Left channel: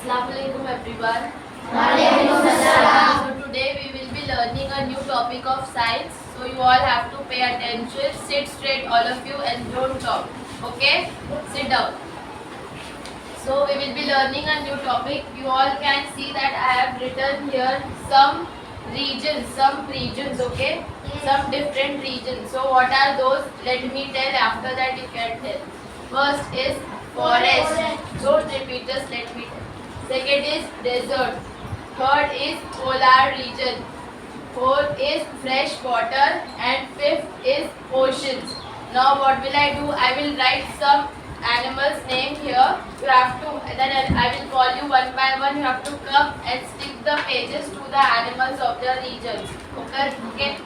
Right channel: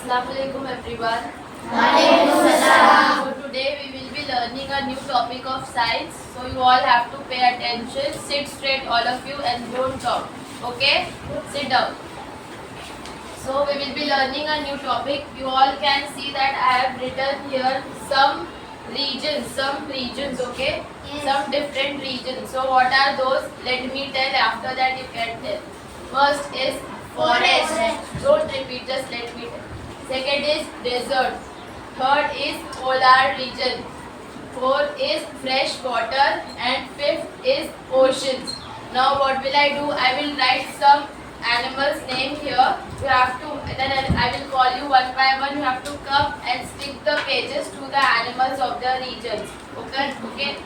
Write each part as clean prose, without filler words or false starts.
Assalamualaikum everyone. Waalaikumsalam. So today we will be learning a new topic of science. So you all have to pay attention. Sit straight all of you and don't talk. Okay? Sit down. So we will be learning a new topic. You all can see that I have written here some regions, okay? Yes. Some different regions. So what are those? Let me tell, after that you can tell. First is forest. Forest. Don't repeat, just let me tell. Second is desert. Third is polar region. Fourth is fresh water. And fifth is oceans. Now what will I do? I will write some animals name here. You have to, then I will call you one by one. You have to come and stick the pages to the animals of the regions. Okay? Okay?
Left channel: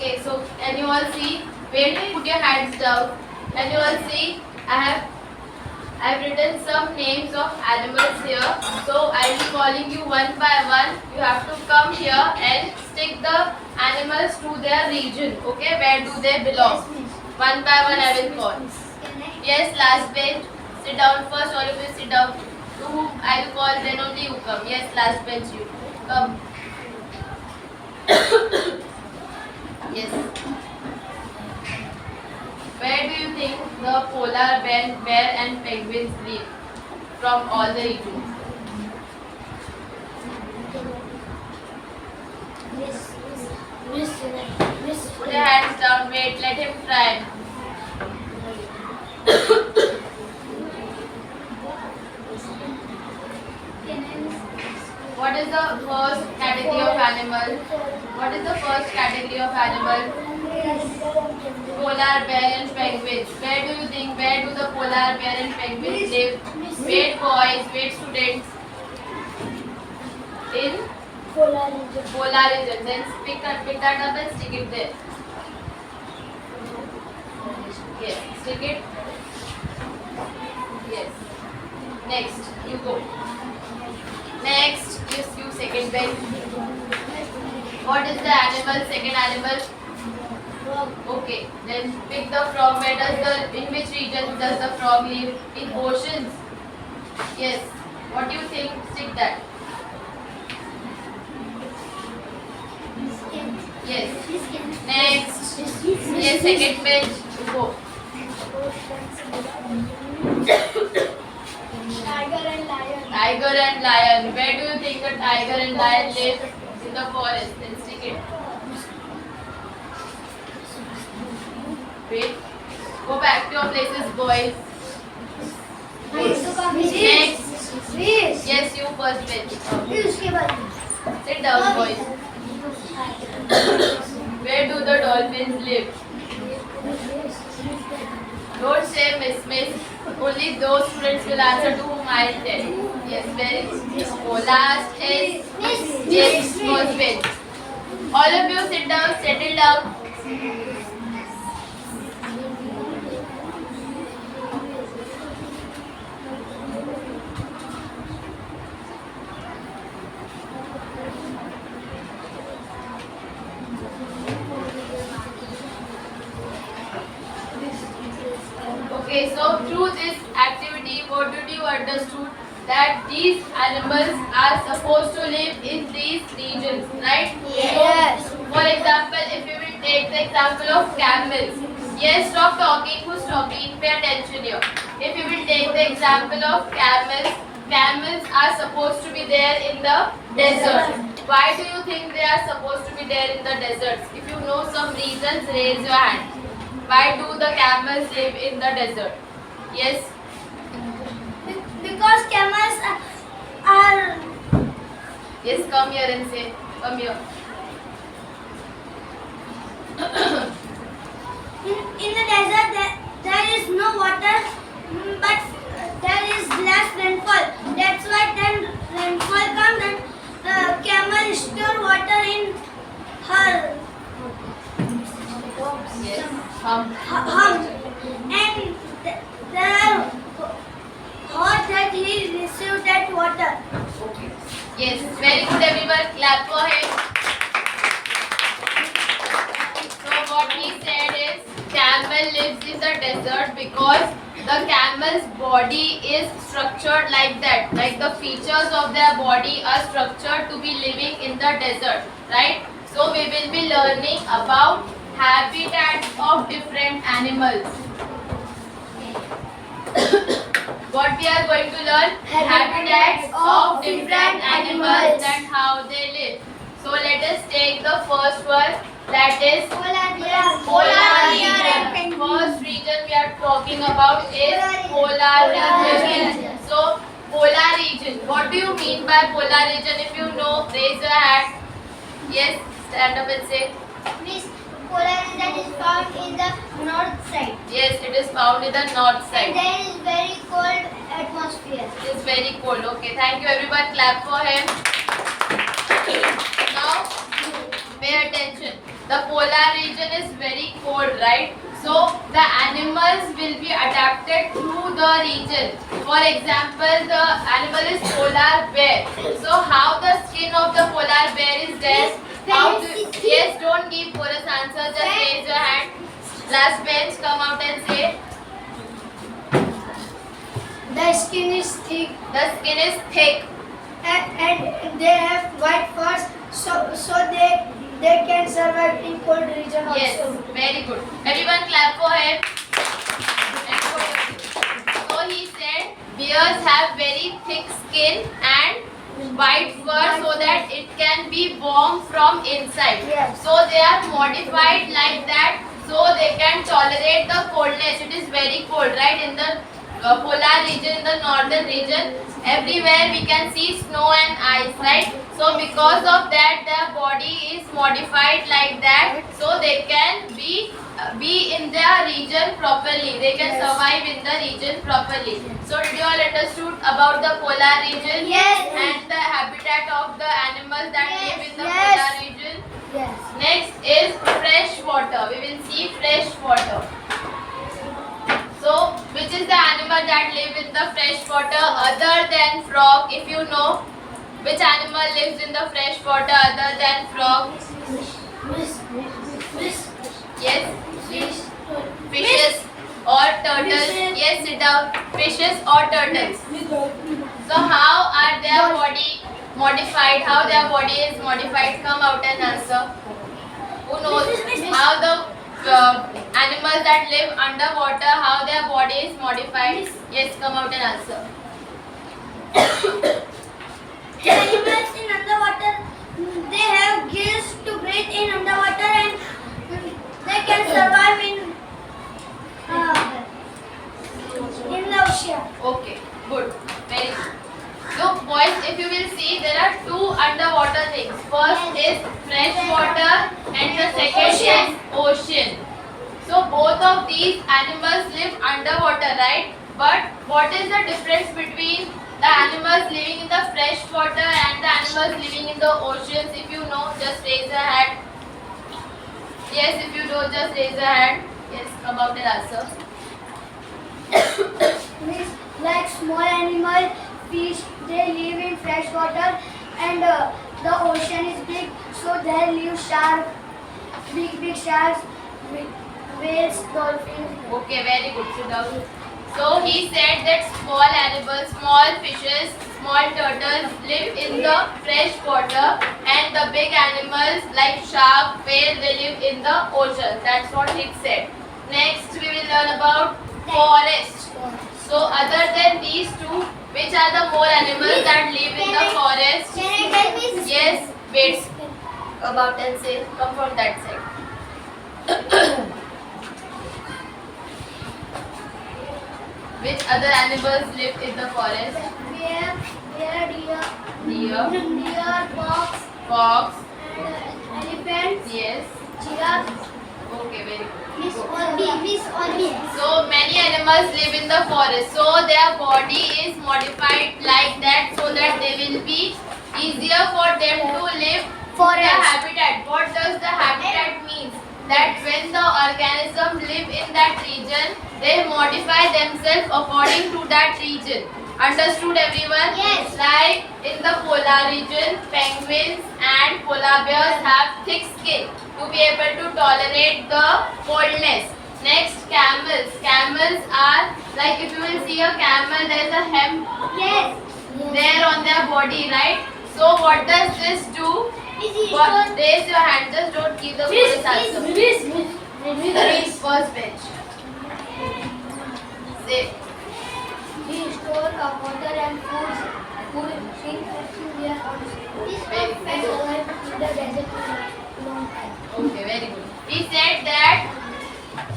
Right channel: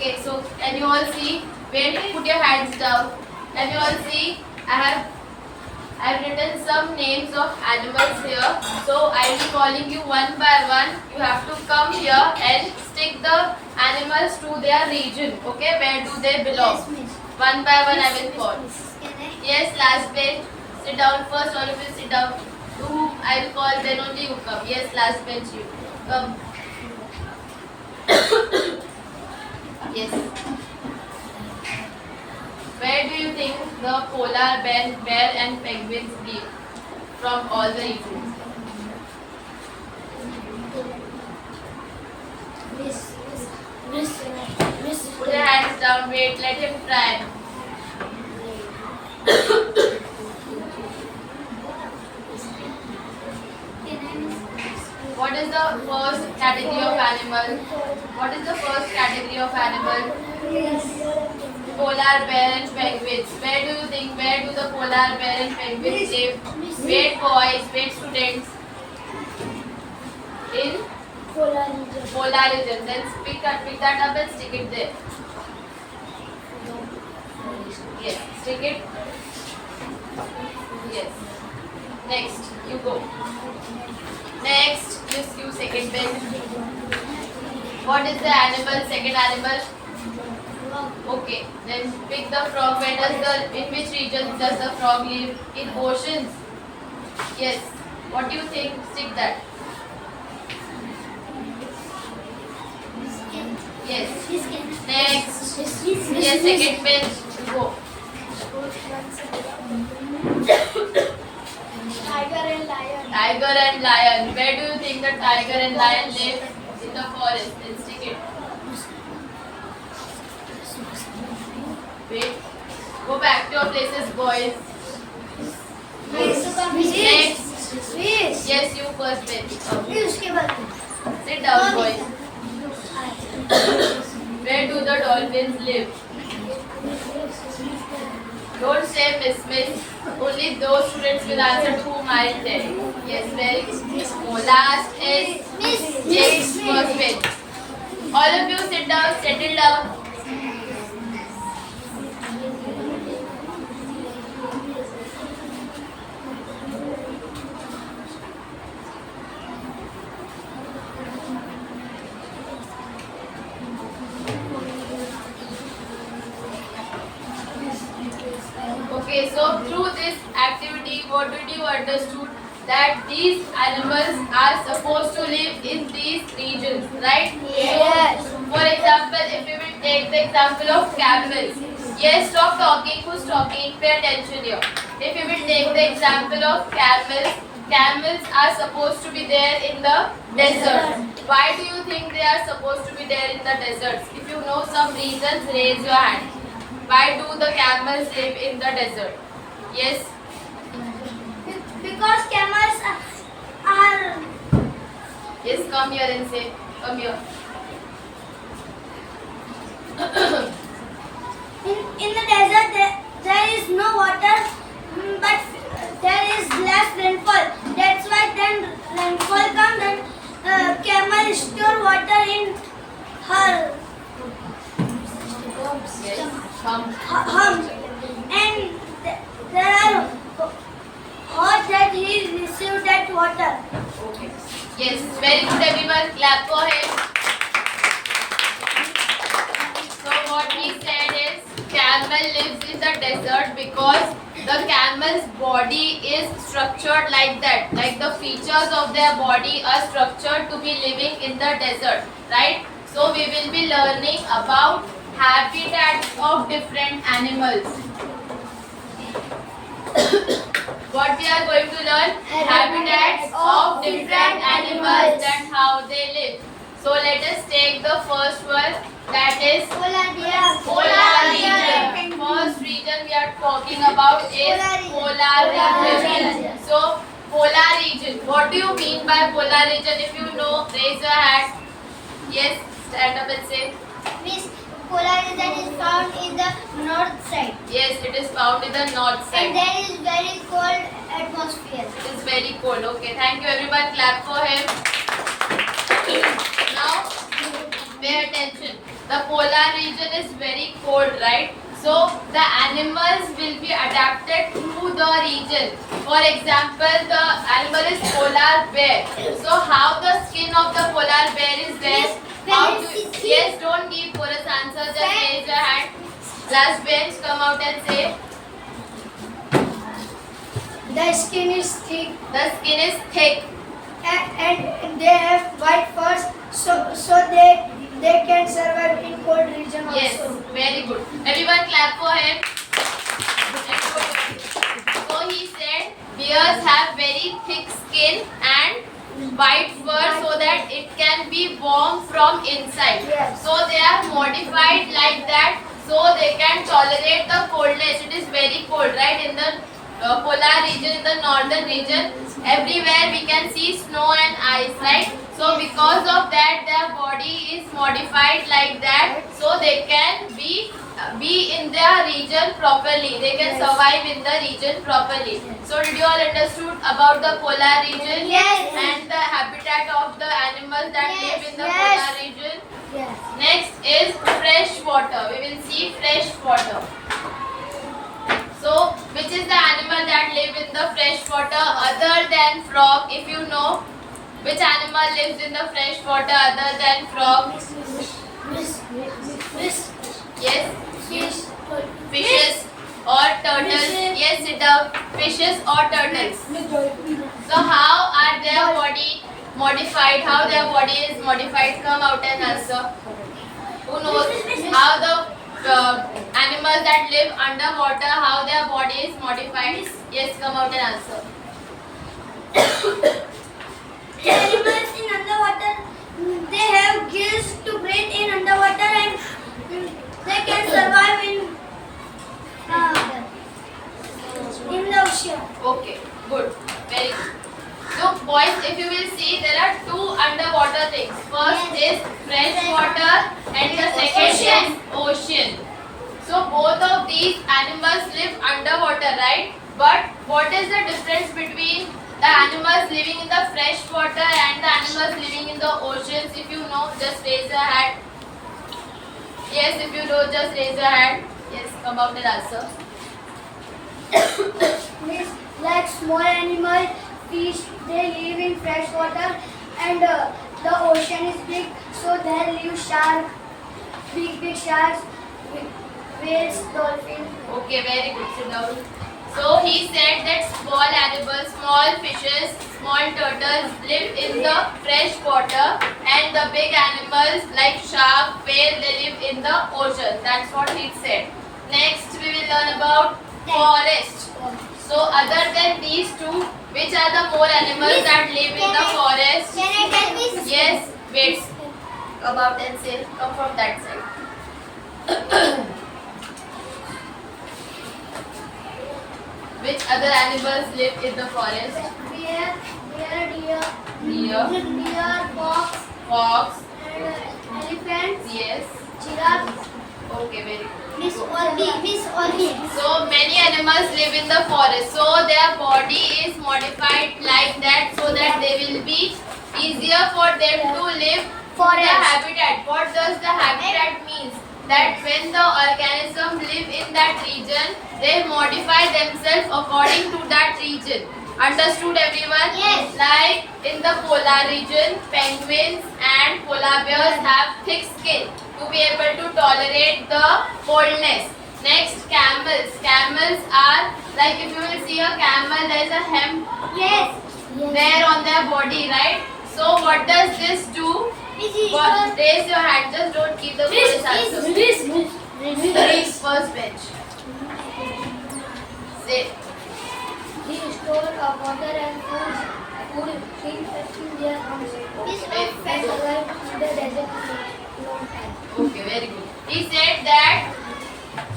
Okay, so can you all see? Wait, put your hands down. Can you all see? I have written some names of animals here. So I will be calling you one by one. You have to come here and stick the animals to their region. Okay, where do they belong? One by one I will call. Yes, last bench. Sit down first. All of you sit down. You, I will call. Then only you come. Yes, last bench you come. Yes. Where do you think the polar bear and penguins live from all the regions? Put your hands down. Wait, let him try. What is the first category of animal? What is the first category of animal? Polar bear and penguins. Where do you think? Where do the polar bear and penguins live? Wait, boys. Wait, students. In polar region. Then pick that up and stick it there. Yes, stick it. Yes. Next, you go. Next, yes, you second bench. What is the animal? Second animal. Okay, then pick the frog. Where does in which region does the frog live? In oceans. Yes. What do you think? Stick that. Yes. Next. Yes, second bench. You go. Tiger and lion. Where do you think the tiger and lion live? In the forest. Then stick it. Wait. Go back to your places, boys. Next. Yes, you first bench. Sit down, boys. Where do the dolphins live? Don't say miss. Only those students will answer to whom I tell. Yes, very good. So last is yes, first bench. All of you sit down, settle down. Okay, so through this activity, what did you understood? That these animals are supposed to live in these regions, right? Yes. So, for example, if we will take the example of camels. Yes, stop talking. Who's talking? Pay attention here. If we will take the example of camels, camels are supposed to be there in the desert. Why do you think they are supposed to be there in the deserts? If you know some reasons, raise your hand. Why do the camels live in the desert? Yes? Because camels Yes, come here and say. Come here. In the desert, there is no water, but there is less rainfall. That's why then rainfall comes, then camel store water in her Yes. Hum. hum, and there are hot that he received that water. Okay. Yes, very good everyone. Clap for him. So what he said is camel lives in the desert because the camel's body is structured like that. Like the features of their body are structured to be living in the desert, right? So we will be learning about habitats of different animals. What we are going to learn? Habitats of different animals and how they live. So let us take the first one, that is polar region. First region we are talking about is polar region. So polar region. What do you mean by polar region? If you know, raise your hand. Yes, stand up and say. Miss, polar region is found in the north side. Yes, it is found in the north And side. there is very cold atmosphere. It is very cold. Okay, thank you everyone. Clap for him. Now, pay attention. The polar region is very cold, right? So, the animals will be adapted to the region. For example, the animal is polar bear. So, how the skin of the polar bear is there? How yes, don't give chorus answer. Just raise your hand. Last bench, come out and say. The skin is thick The skin is thick. and they have white furs, so they can survive in cold region also. Yes, very good. Everyone clap for him. So he said bears have very thick skin and white fur so that it can be warm from inside. Yes. So they are modified like that so they can tolerate the coldness. It is very cold, right? In the polar region, in the northern region, everywhere we can see snow and ice, right? So because of that, their body is modified like that, so they can be in their region properly. They can Yes. survive in the region properly. So did you all understood about the polar region? Yes. And the habitat of the animals that Yes. live in the Yes. polar region? Yes. Next is fresh water. We will see fresh water. So, which is the animal that live in the fresh water other than frog? If you know, which animal lives in the fresh water other than frog? Yes, fishes or turtles. Fishes. Yes, sit down. Fishes or turtles. So, how are their body modified? How their body is modified? Come out and answer. Who knows how the animals that live underwater, how their body is modified? Yes, come out and answer. The animals in underwater, they have gills to breathe in underwater, and they can survive in the ocean. Okay, good, very good. So, boys, if you will see, there are two underwater things. First is fresh water, and the second is ocean. So, both of these animals live underwater, right? But what is the difference between the animals living in the fresh water and the animals living in the oceans? If you know, just raise your hand. Yes, if you know, just raise your hand. Yes, come out and answer. Means like small animal, fish, they live in fresh water, and the ocean is big, so there live shark, big sharks, whales, dolphins. Okay, very good. Sit down. So he said that small animals, small fishes, small turtles live in the fresh water, and the big animals like shark, whale, they live in the ocean. That's what he said. Next, we will learn about forest. So other than these two, which are the more animals that live in the forest? Can I tell this? Yes, wait. Come out and say, come from that side. Which other animals live in the forest? Bear, deer, fox, and elephants, yes. giraffe. Okay, very good. Miss Go. Olivia. So many animals live in the forest. So their body is modified like that so that they will be easier for them to live in the Forest. habitat. What does the habitat means? That when the organism live in that region, they modify themselves according to that region. Understood everyone? Yes. Like in the polar region, penguins and polar bears have thick skin to be able to tolerate the coldness. Next, camels. Camels are like if you will see a camel, there is a hem Yes. there on their body, right? So what does this do? Raise your hand, just don't keep the chorus answer. First bench. Say. We store water and food in their arms. And survive in the desert for a long time. Okay, very good. He said that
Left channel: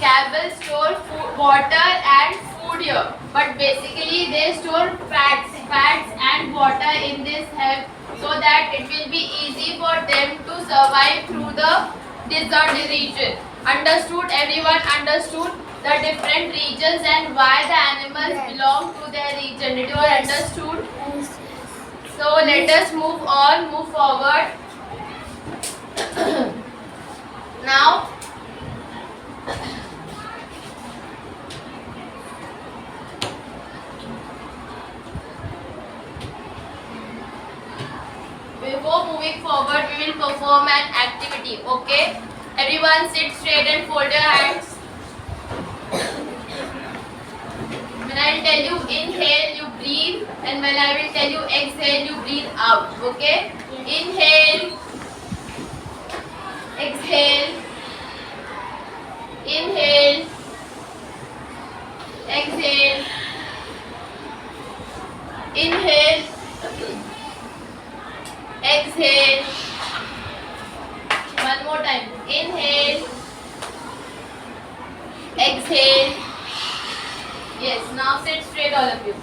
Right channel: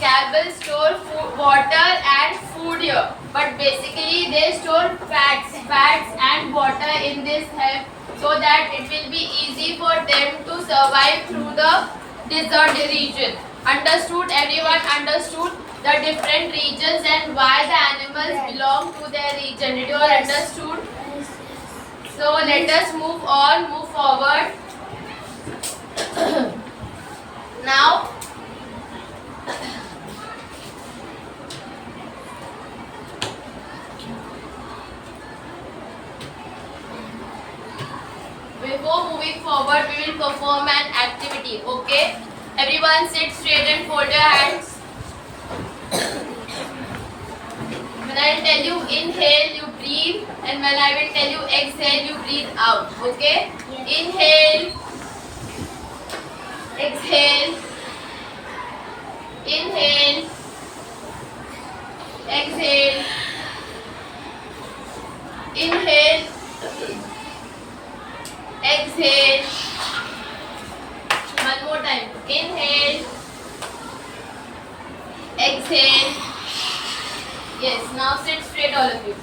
camels store food, water and food here, but basically they store fats and water in this hem so that it will be easy for them to survive through the desert region. Understood? Everyone understood the different regions and why the animals belong to their region. Did you all understood? So let us move forward. Now, before moving forward, we will perform an activity. Okay? Everyone sit straight and fold your hands. When I will tell you inhale, you breathe, and when I will tell you exhale, you breathe out. Okay? Inhale, exhale, inhale, exhale, inhale, exhale. One more time. Inhale, exhale. Yes, now sit straight, all of you.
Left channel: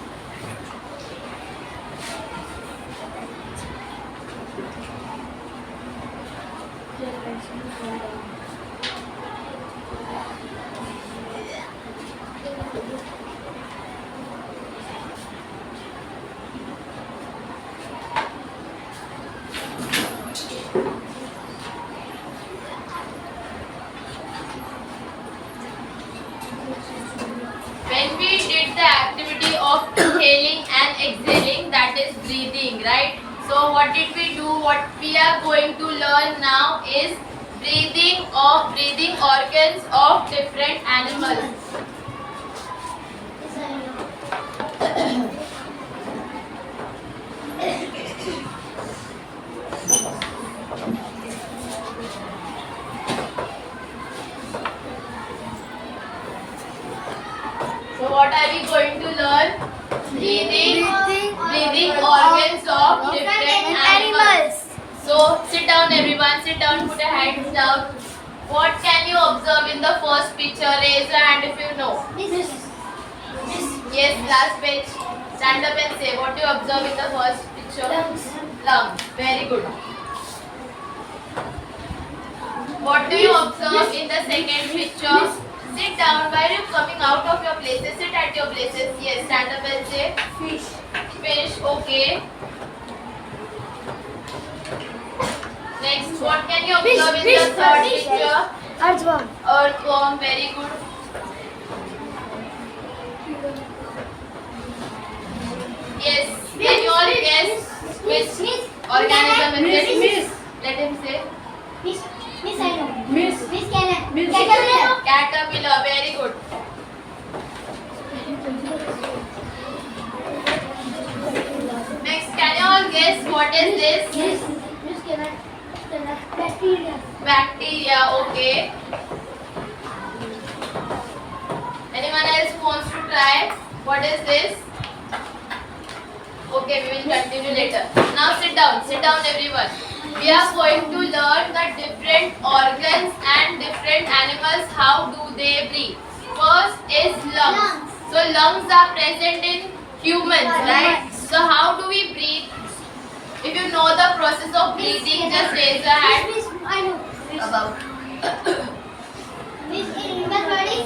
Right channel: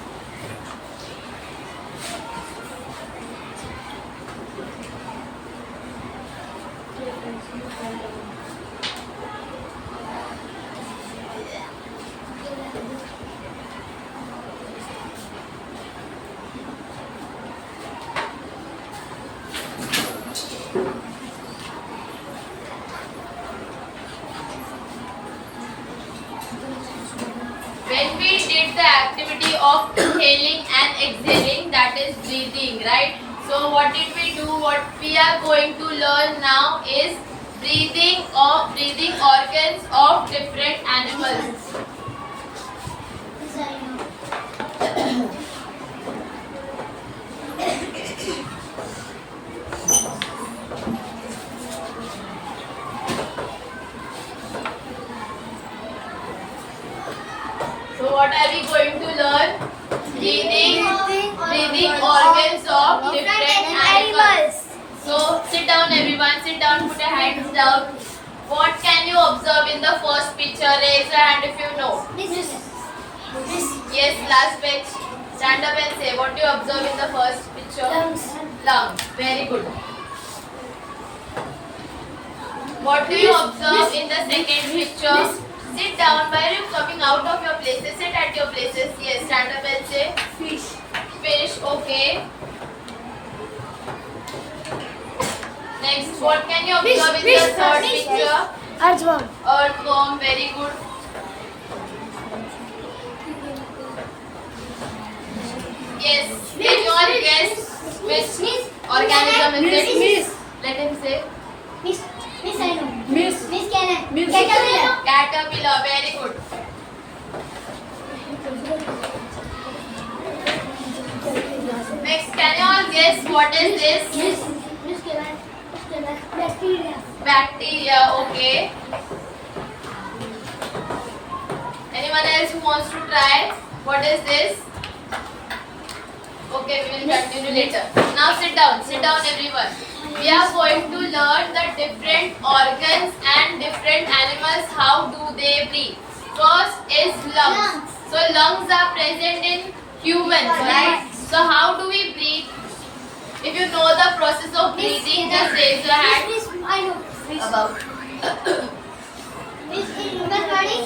When we did the activity of inhaling and exhaling, that is breathing, right? So what did we do? What we are going to learn now is breathing organs of different animals. So what are we going to learn? Breathing organs of different animals. So sit down everyone, sit down, put your hands down. What can you observe in the first picture? Raise your hand if you know. Yes, last page. Stand up and say what you observe in the first picture. Lungs. Very good. What do you observe in the second picture? Sit down. While you coming out of your places, sit at your places. Yes, stand up and say Fish. fish. Okay. Next, what can you observe in the third picture? Earthworm. Earthworm. Very good. Yes. Can you all guess which organism is it? Let him say. Miss, I know. Miss. Miss Cannon. Miss. Caterpillar. Caterpillar. Very good. Next, can you all guess what is this? Miss Cannon. Bacteria. Bacteria. Okay. Anyone else who wants to try? What is this? Okay, we will continue later. Now sit down everyone. We are going to learn the different organs and different animals, how do they breathe. First is lungs. So lungs are present in humans, right? So how do we breathe know the process of breathing, just raise your hand. Miss, I know. Above. Miss, in human body,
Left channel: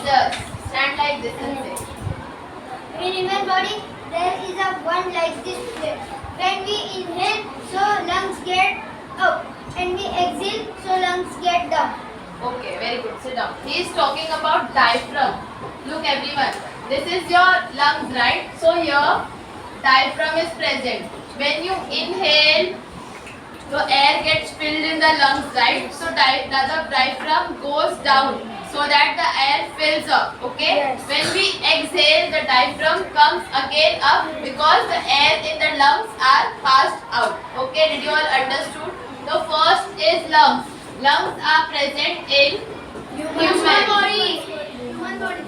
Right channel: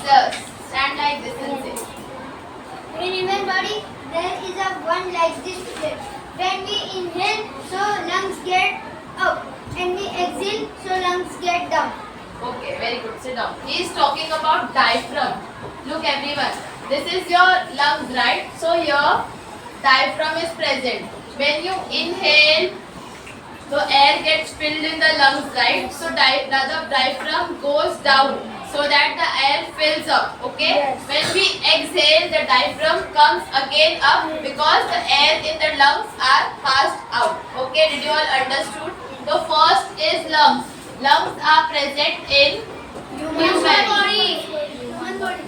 Stand like this and say. in human body, there is a one like this. When we inhale, so lungs get up, and we exhale, so lungs get down. Okay, very good. Sit down. He is talking about diaphragm. Look, everyone. This is your lungs, right? So here, diaphragm is present. When you inhale, the air gets filled in the lungs, right? So the diaphragm goes down so that the air fills up. Okay. Yes. When we exhale, the diaphragm comes again up because the air in the lungs are passed out. Okay. Did you all understood? The first is lungs. Lungs are present in human body. Human body.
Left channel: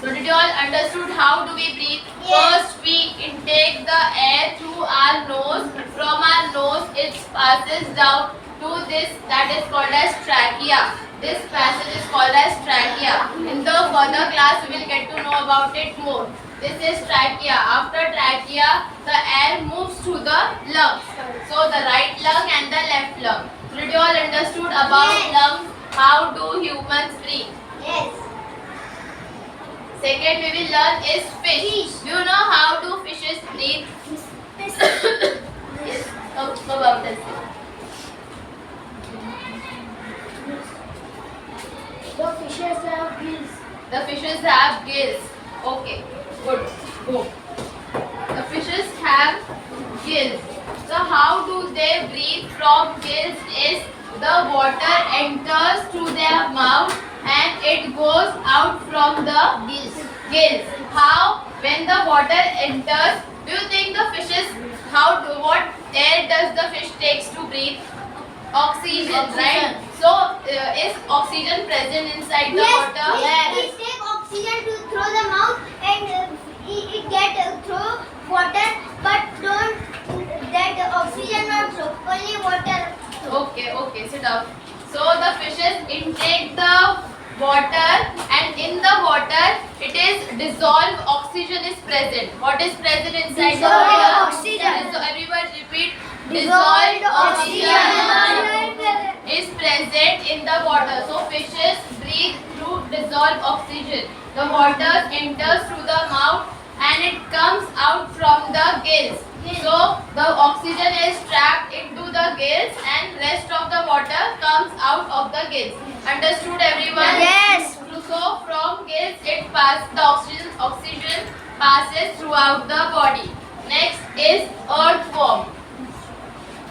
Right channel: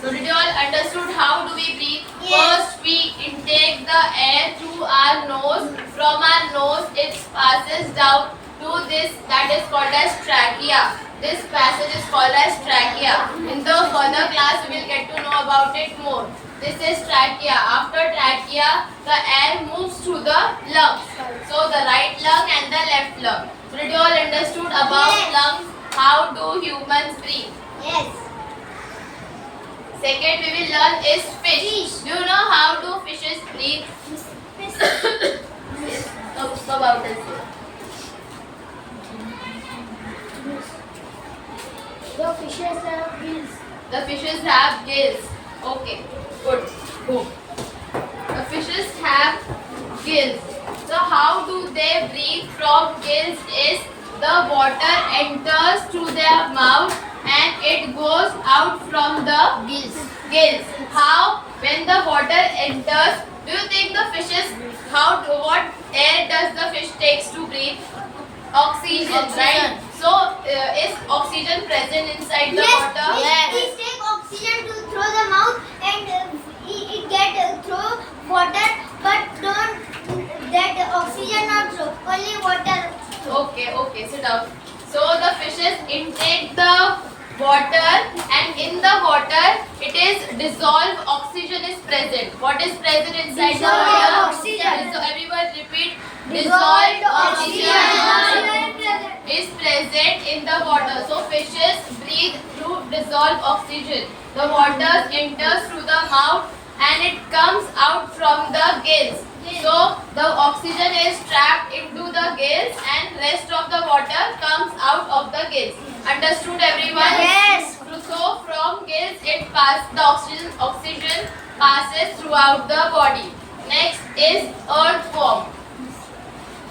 So did you all understood how do we breathe? Yes. First we intake the air through our nose. From our nose it passes down to this that is called as trachea. This passage is called as trachea. In the further class we will get to know about it more. This is trachea. After trachea the air moves to the lungs. So the right lung and the left lung. So did you all understood about Yes. lungs? How do humans breathe? Yes. Second we will learn is fish. Do you know how do fishes breathe? Miss, Yes. So about this. the fishes have gills. The fishes have gills. Okay. Good. Go. The fishes have gills. So how do they breathe from gills is the water enters through their mouth and it goes out from the gills. How? When the water enters, do you think the fishes, what air does the fish takes to breathe? Oxygen, right? So is oxygen present inside the water? It take oxygen to throw the mouth and it get through water, but don't that oxygen not throw, only water. Okay, sit down. So the fishes intake the water and in the water it is dissolved oxygen is present. What is present inside the Dissolved water? oxygen. So everyone repeat. Dissolved oxygen oxygen. is present in the water. So fishes breathe through dissolved oxygen. The water enters through the mouth and it comes out from the gills. So the oxygen is trapped into the gills and rest of the water comes out of the gills. Understood everyone? Yes. So from gills the oxygen passes throughout the body. Next is earthworm.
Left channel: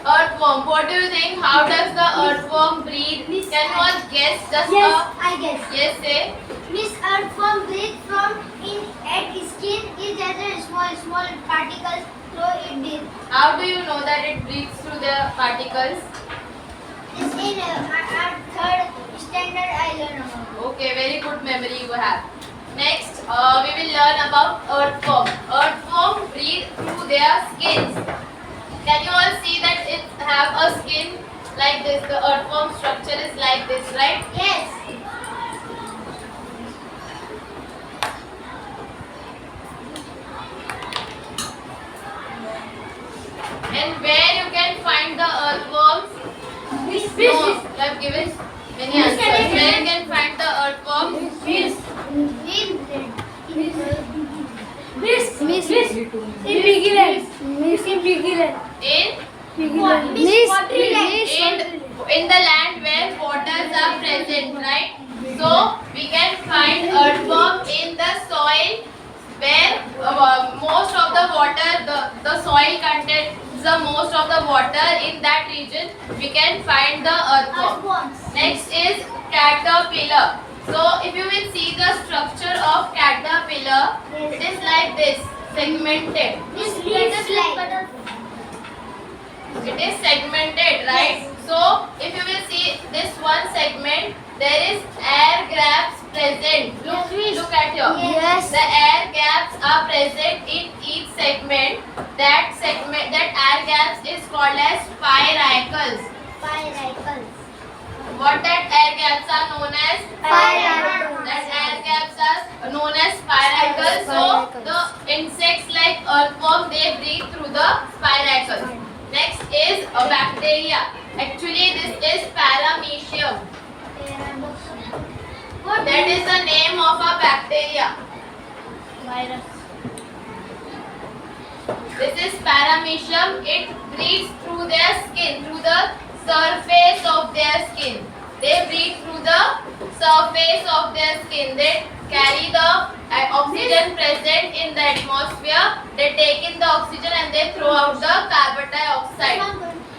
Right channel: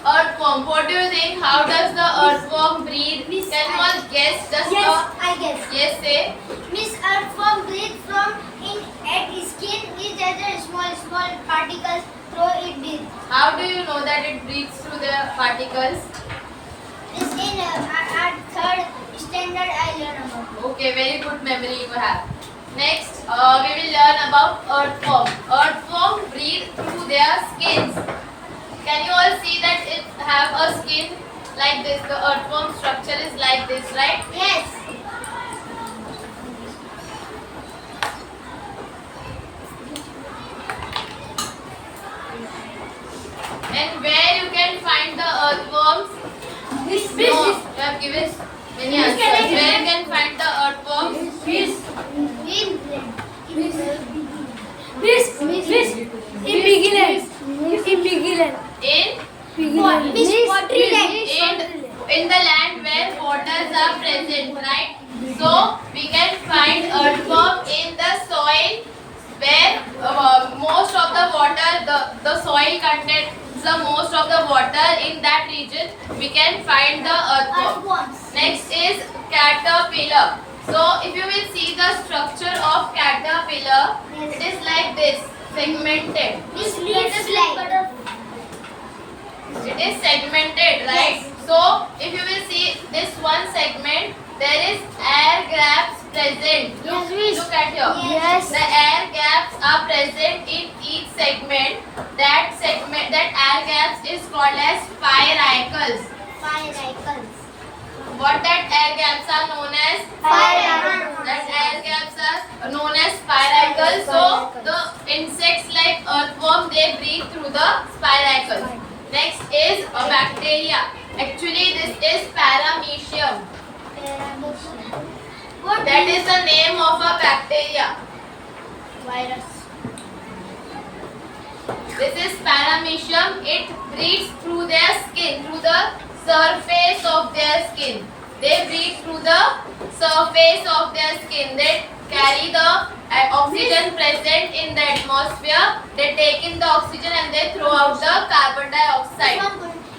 Earthworm. What do you think? How does the earthworm breathe? Can one guess? Just Yes, I guess. yes, say. Miss earthworm breathe from in at skin is other small particles through it breathe. How do you know that it breathes through the particles? Is in our third standard I learn about. Okay, very good memory you have. Next, we will learn about earthworm. Earthworm breathe through their skins. Can you all see that it have a skin like this? The earthworm structure is like this, right? Yes. And where you can find the earthworms? Miss, No, you have given many answers. Where you can find the earthworms? in Bigland. Miss in Bigland. In the land where waters are present, right? So we can find earthworm in the soil where most of the water, the soil contains the most of the water in that region. We can find the earthworm. Next is caterpillar. So if you will see the structure of caterpillar, it is like this, segmented. It is segmented, right? So if you will see this one segment, there is air gaps present. Look at here. Yes. The air gaps are present in each segment. That air gaps is called as spiracles. What that air gaps are known as? Spiracles. That air gaps are known as spiracles. So the insects like earthworm, they breathe through the spiracles. Next is a bacteria. Actually, this is Paramecium. That is the name of a bacteria. Virus. This is Paramecium. It breathes through their skin, through the surface of their skin. They breathe through the surface of their skin. They carry the oxygen present in the atmosphere. They take in the oxygen and they throw out the carbon dioxide.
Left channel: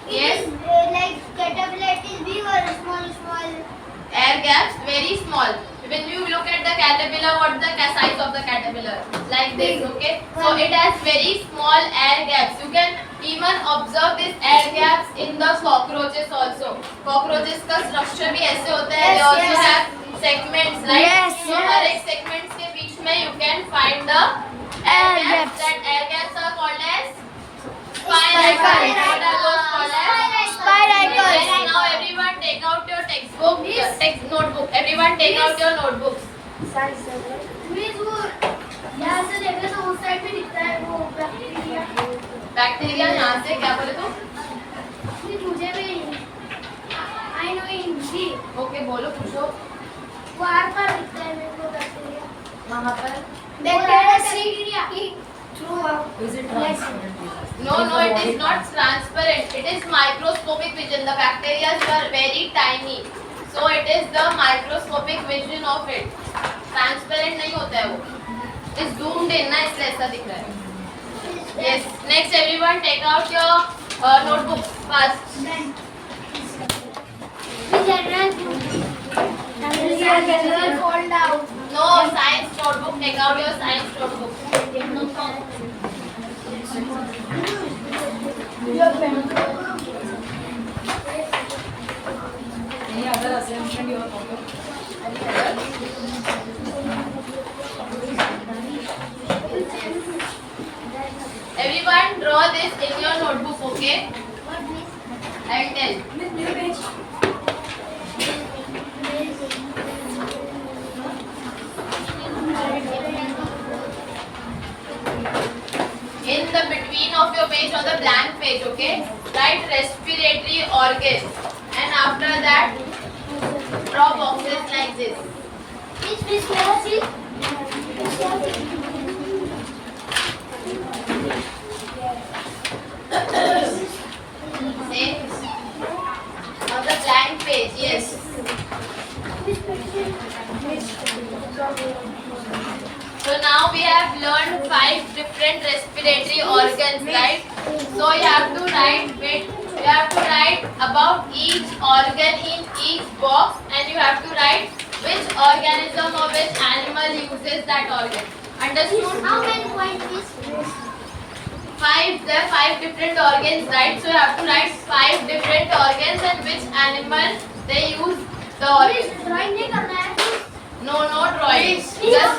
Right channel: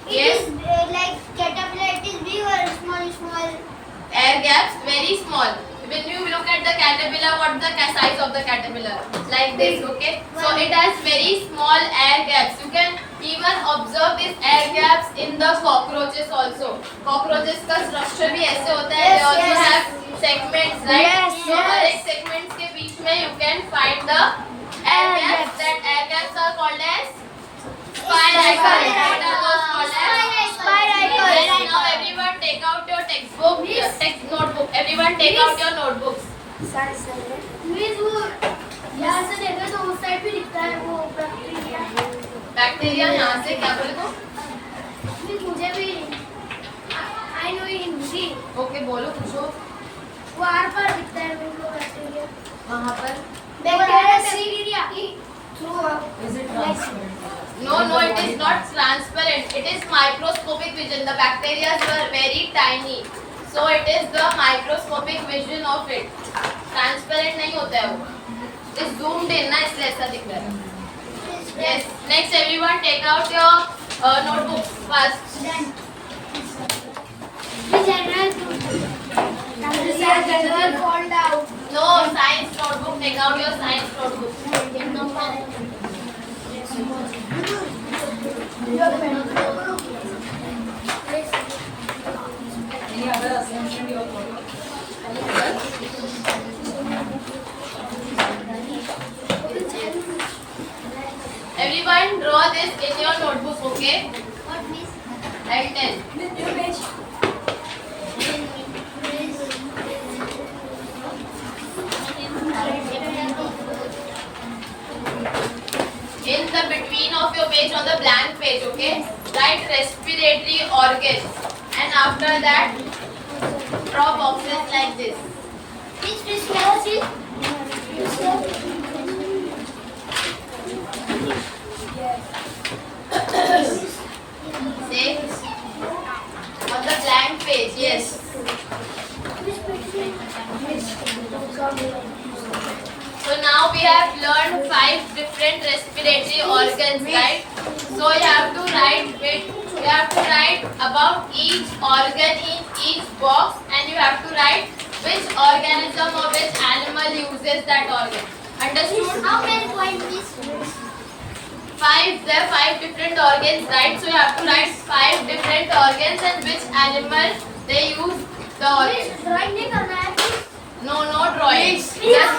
Yes. It is like caterpillar. It is big or small. Air gaps, very small. When you look at the caterpillar, what's the size of the caterpillar? Like this, okay? So it has very small air gaps. You can even observe these air gaps in the cockroaches also. Cockroaches का structure भी ऐसे होता है. They also have segments, right? Yes, So हर एक segments के बीच में you can find the air gaps. That air gaps are called as spirochetes. What are those called as? Yes, now everyone take out your textbook, notebook. Everyone take out your notebooks. Please वो यहाँ से देखे तो उस side भी दिखता है वो बैक्टीरिया. बैक्टीरिया यहाँ से क्या बोले तुम? मुझे भी I know हिंदी. ओके बोलो पूछो. वो आर पर दिखता है मेरे को बैक्टीरिया. वहाँ पर. Bacteria. Is it transparent? No, it is not transparent. It is microscopic vision. The bacteria are very tiny, so it is the microscopic vision of it. Transparent नहीं होता है वो. It is zoomed in ना इसलिए ऐसा दिख रहा है. Yes. Next, everyone take out your notebooks fast. General fall down. No, science notebook. Take out your science notebook. Any other assignment you are following? Everyone draw this in your notebook, okay? I'll tell. In the between of your page on the blank page, okay? Write respiratory organs, and after that draw boxes like this. Say on the blank page, yes. So now we have learned 5 different respiratory organs, right? So you have to write about each organ in each box, and you have to write which organism or which animal uses that organ. Understood? How many points is 5. There are 5 different organs, right? So you have to write 5 different organs and which animal they use the organ. drawing नहीं करना है. No drawing. Please. Just